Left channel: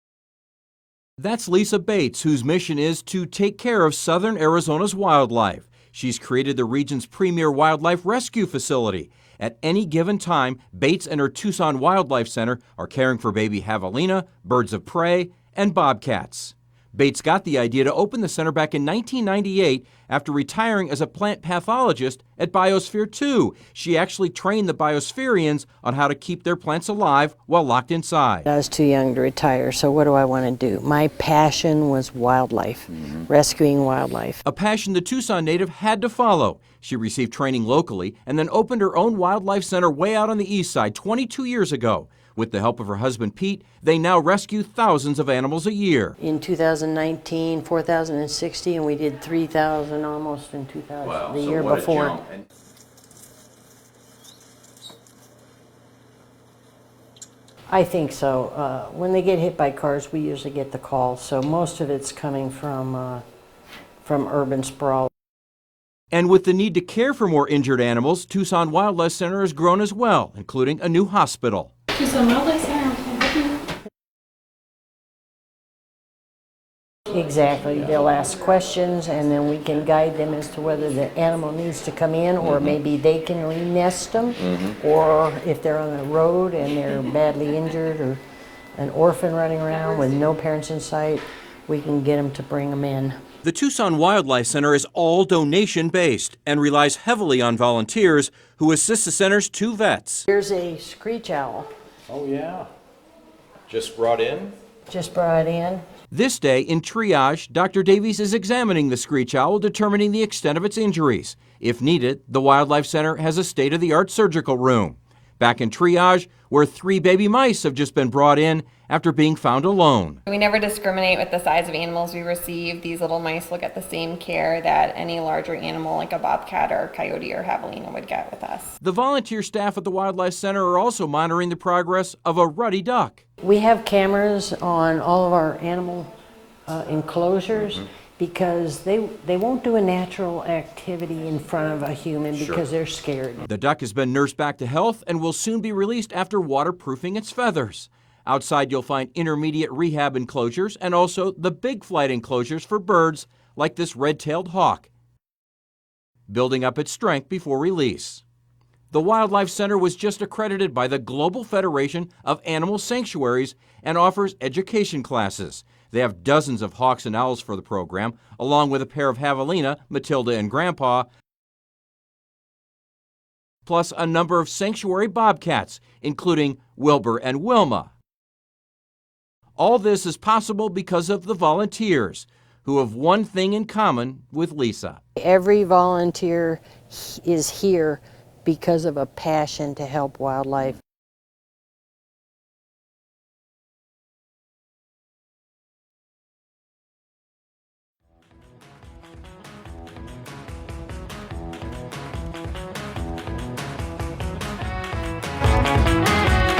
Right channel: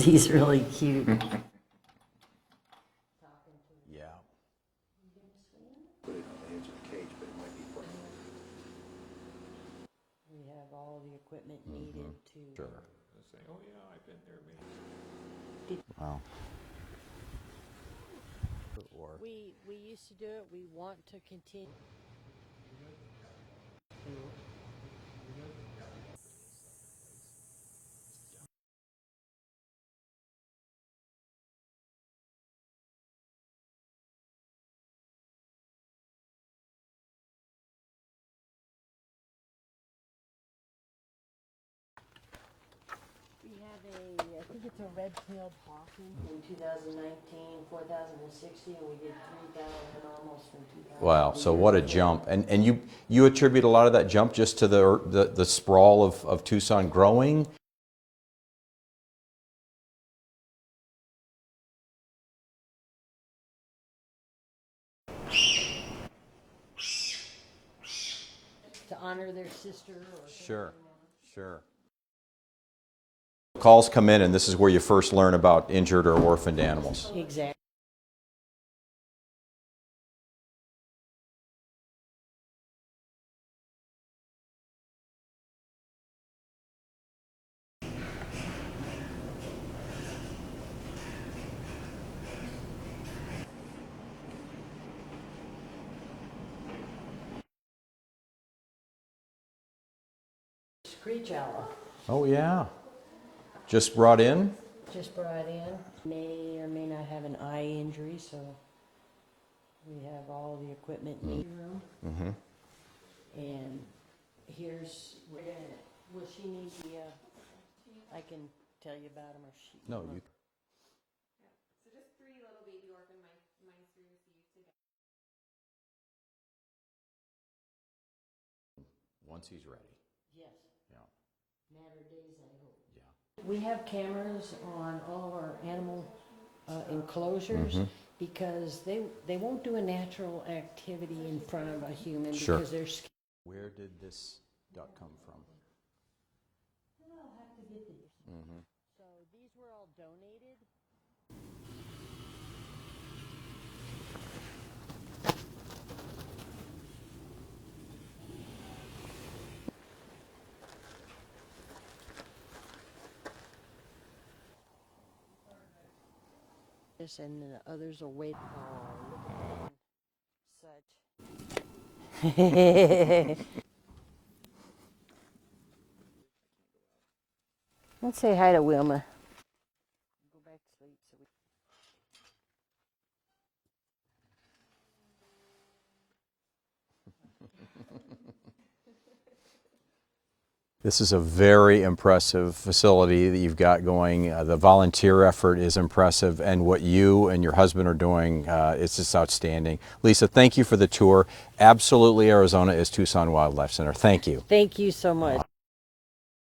because he's really cute. That's Lisa Bates, whose mission is to take care of southern Arizona's wildlife. She's created the region's premier wildlife rescue facility. At any given time, Bates and her Tucson Wildlife Center are caring for baby javelina, birds of prey, and bobcats. Bates got the idea to open the center back in 1998 after retiring as a plant pathologist at Biosphere 2. She actually trained the biospherians on how to keep their plants alive while locked inside. I was too young to retire, so what do I want to do? My passion was wildlife, rescuing wildlife. A passion the Tucson native had to follow. She received training locally and then opened her own wildlife center way out on the east side 22 years ago. With the help of her husband, Pete, they now rescue thousands of animals a year. In 2019, 4,060, and we did 3,000 almost in 2000. Wow, the so year what before. a jump. And you attribute a lot of that jump just to the sprawl of Tucson growing? I think so. When they get hit by cars, we usually get the call, so most of it's coming from urban sprawl. And with the need to care for more injured animals, Tucson Wildlife Center has grown as well, including a new hospital. Tucson Wildlife Center, can I help you? Calls come in, and this is where you first learn about injured or orphaned animals. Exactly. They'll ask questions, and then we can guide them as to whether the animal needs to come in, or maybe they can re-nest them, or if they're on the road and they're badly injured, or an orphan running around with no parents in sight, we can get them to bring them in. The Tucson Wildlife Center is all donation-based and relies heavily on volunteers who assist the center's two vets. Here's a screech owl. Oh, yeah. Just brought in? Just brought in. This day in triage, Dr. Davies is examining the screech owl, determining the extent of its injuries. If needed, the Wildlife Center has a state-of-the-art surgical room. Back in triage, where 3 baby mice have just been brought in after being found alone. We never discriminate with the size of animals we receive. These little mice will get the same care that any larger animal like a bobcat or coyote or javelina would get with us. The volunteer staff at the Wildlife Center are also monitoring the progress of a ruddy duck. We have cameras on all of our animal enclosures because they won't do a natural activity in front of a human because they're scared. The duck has been nursed back to health and will soon be released after waterproofing its feathers. Outside, you'll find intermediate rehab enclosures and also the big flight enclosures for birds like this red-tailed hawk, building up its strength before release. The Wildlife Center was just accredited by the Global Federation of Animal Sanctuaries and offers education classes. They have dozens of hawks and owls for the program, along with a pair of javelina, Matilda and Grandpa, plus a number of sanctuary bobcats, including Wilbur and Wilma. Let's say hi to Wilma. All this is possible because of the volunteers, who have one thing in common with Lisa. Every volunteer is here because of a passion to help wildlife. This is a very impressive facility that you've got going. The volunteer effort is impressive, and what you and your husband are doing is just outstanding. Lisa, thank you for the tour. Absolutely, Arizona is Tucson Wildlife Center. Thank you. Thank you so much.